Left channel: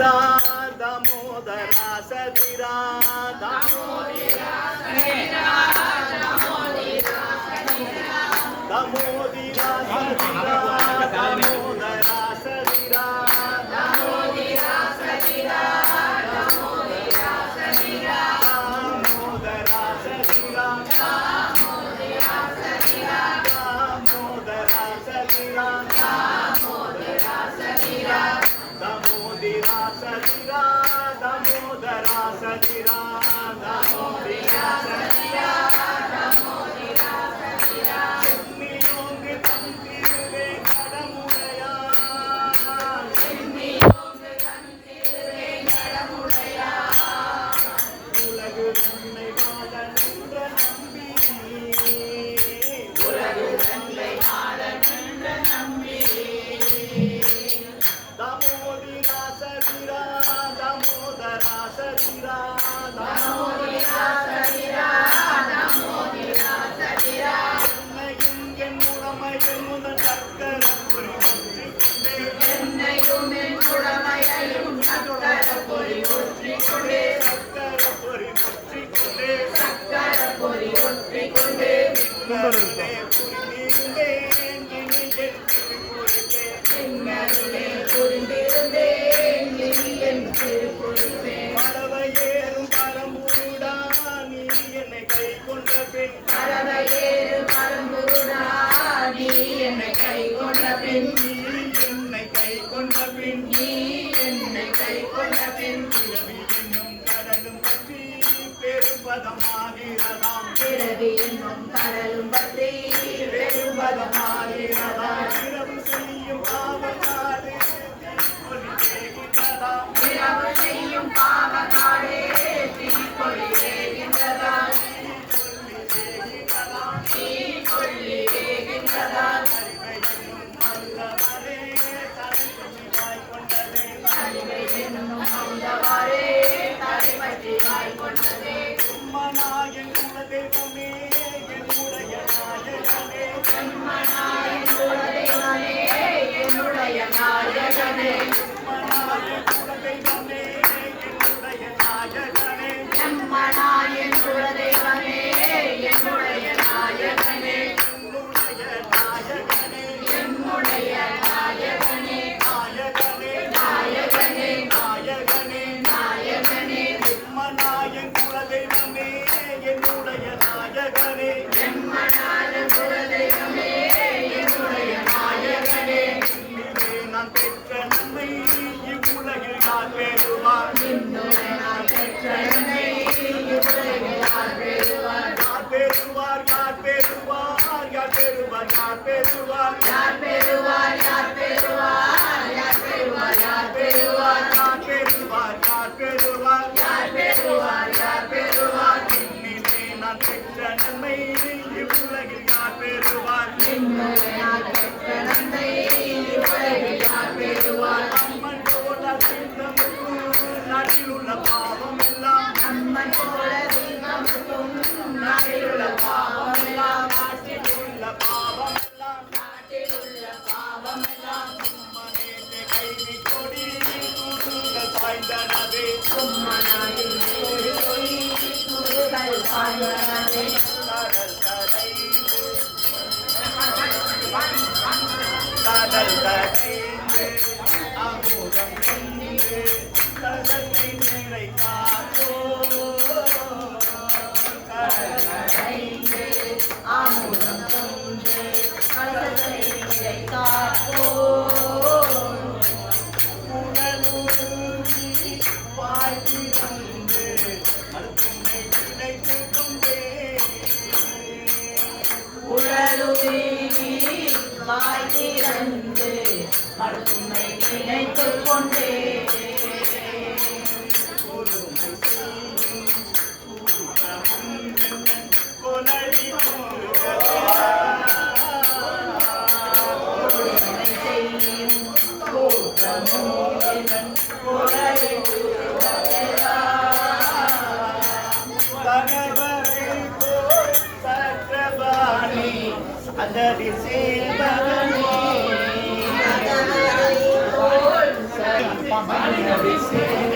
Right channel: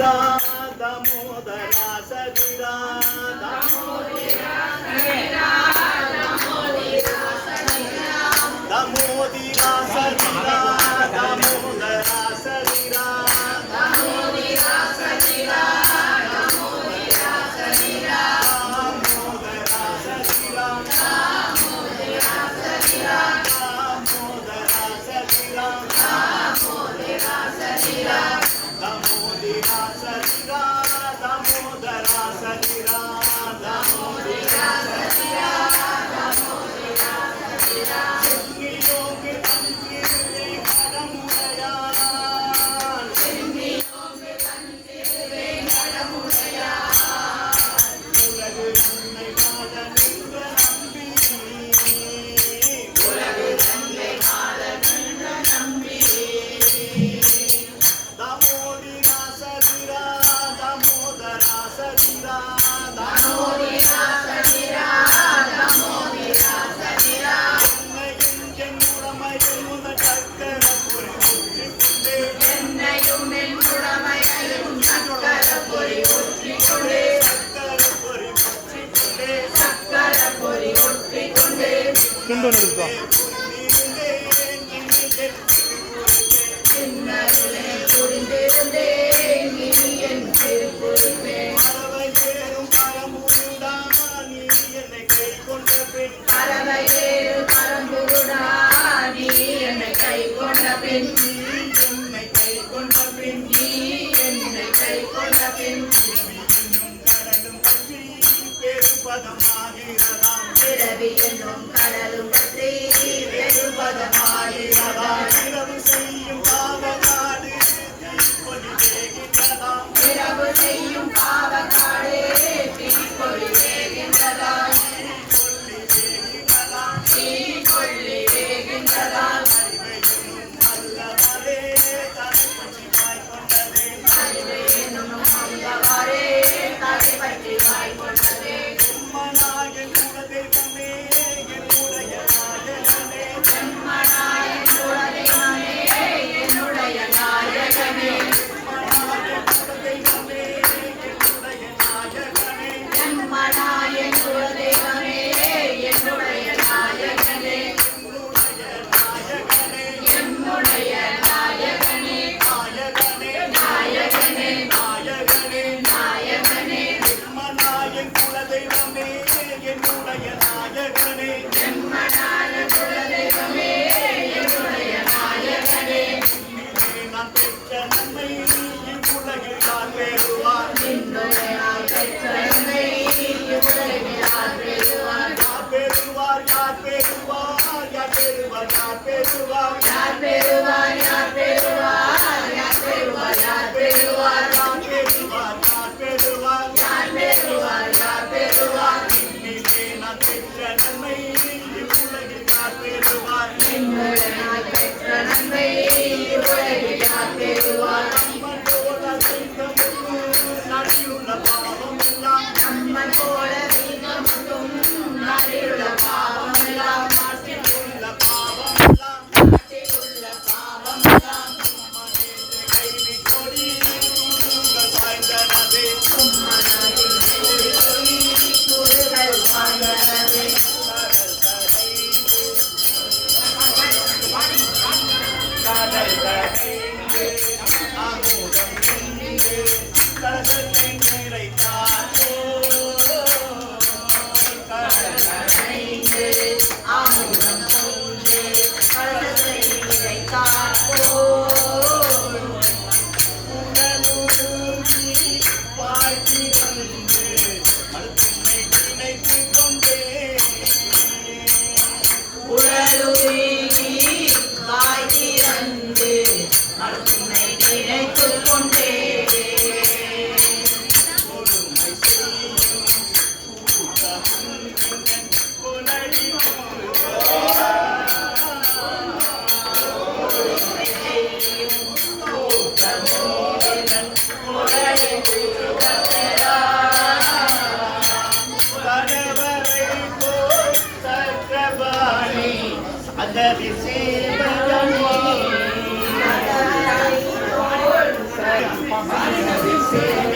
दामोदरा सदिरा दामोदरा सदिरा दामोदरा सदिरा दामोदरा सदिरा दामोदरा सदिरा दामोदरा सदिरा दामोदरा सदिरा दामोदरा सदिरा दामोदरा सदिरा दामोदरा सदिरा दामोदरा सदिरा दामोदरा सदिरा दामोदरा सदिरा दामोदरा सदिरा செம்மியோங்க தந்திரே கடமுடையா செம்மியோங்க தந்திரே கடமுடையா உலகு தன்னை வாழ நின்ற நம்பி உலகு தன்னை வாழ நின்ற நம்பி दामोदरा सदिरा दामोदरा सदिरा दामोदरा सदिरा दामोदरा सदिरा என்னையும் என் உடமையும் சக்கரப்பொறி ஒற்றிக்கொண்டே என்னையும் என் உடமையும் சக்கரப்பொறி ஒற்றிக்கொண்டே சக்கரப்பொறி ஒற்றிக்கொண்டே சக்கரப்பொறி ஒற்றிக்கொண்டே பறவையேறும் பரம்புடா நீ என்னை கை கொண்ட பின் பறவையேறும் பரம்புடா நீ என்னை கை கொண்ட பின் நீ என்னை கை கொண்ட பின் நீ என்னை கை கொண்ட பின் இன்னும் கடலும் பற்றி பெருபதமாகிறதாம் பிறவி என்னும் கடலும் பற்றி பெருபதமாகிறதாம் இரவு செய்யும் பாவகாடு தீப்பொலி வேகின்றதா இரவு செய்யும் பாவகாடு தீப்பொலி வேகின்றதா தீப்பொலி வேகின்றதா அறிவை என்னும் அல்லவரே தலை பற்றி வாய் கொண்டதே அறிவை என்னும் அல்லவரே தலை பற்றி வாய் கொண்டதே உம்மனாயன் குல தெய்வமே என்னுடைய நாயகனே உம்மனாயன் குல தெய்வமே என்னுடைய நாயகனே உம்மனாயன் குல தெய்வமே என்னுடைய நாயகனே உம்மனாயன் குல தெய்வமே என்னுடைய நாயகனே என்னுடைய நாயகனே நாயகனே நாயகனே நாயகனே நாயகனே உம்மனாயன் குல தெய்வமே என்னுடைய நாயகனே உம்மனாயன் குல தெய்வமே என்னுடைய நாயகனே நான் பெற்ற நன்மை இவ்வுலகில் யார் பெறுவார் நான் பெற்ற நன்மை இவ்வுலகில் யார் பெறுவார் யார் பெறுவார் யார் பெறுவார் யார் பெறுவார் யார் பெறுவார் யார் பெறுவார் யார் பெறுவார் யார் பெறுவார் யார் பெறுவார் யார் பெறுவார் யார் பெறுவார் யார் பெறுவார் யார் பெறுவார் இன்னிலே நான் பெற்ற நன்மை இவ்வுலகில் யார் பெறுவார் நான் பெற்ற நன்மை இவ்வுலகில் யார் பெறுவார் அம்மன் போல சிங்கமும் நடியுள்ள பாவம் எல்லாம் அம்மன் போல சிங்கமும் நடியுள்ள பாவம் எல்லாம் நாட்டில் உள்ள பாவம் எல்லாம் நாட்டில் உள்ள பாவம் எல்லாம் உம்மனேற்ற கைவி கொடி துருங்கள் சாய்ந்தனவே உம்மனாயில் கொடி கொடி துருங்கள் சாய்ந்தனவே கடல் கடைந்து அமுதம் நின்று கடலை நிறைத்தாரோ கடல் கடைந்து அமுதம் கொண்டு கடலை நிறைத்தாரோ உணர்வுருகி வாழ்த்தி வந்து மறுத்துமை நினைத்துக் கொண்டே உணர்வுருகி வாழ்த்தி வந்து மறுத்துமை நினைத்துக் கொண்டே கொடுமை செய்யும் கூட்டமும் கொலடி கொடுமை செய்யும் கூட்டமும் கொலடி கணவரை போல் சக்கரபாணி அதரி சேவகனே சேரும்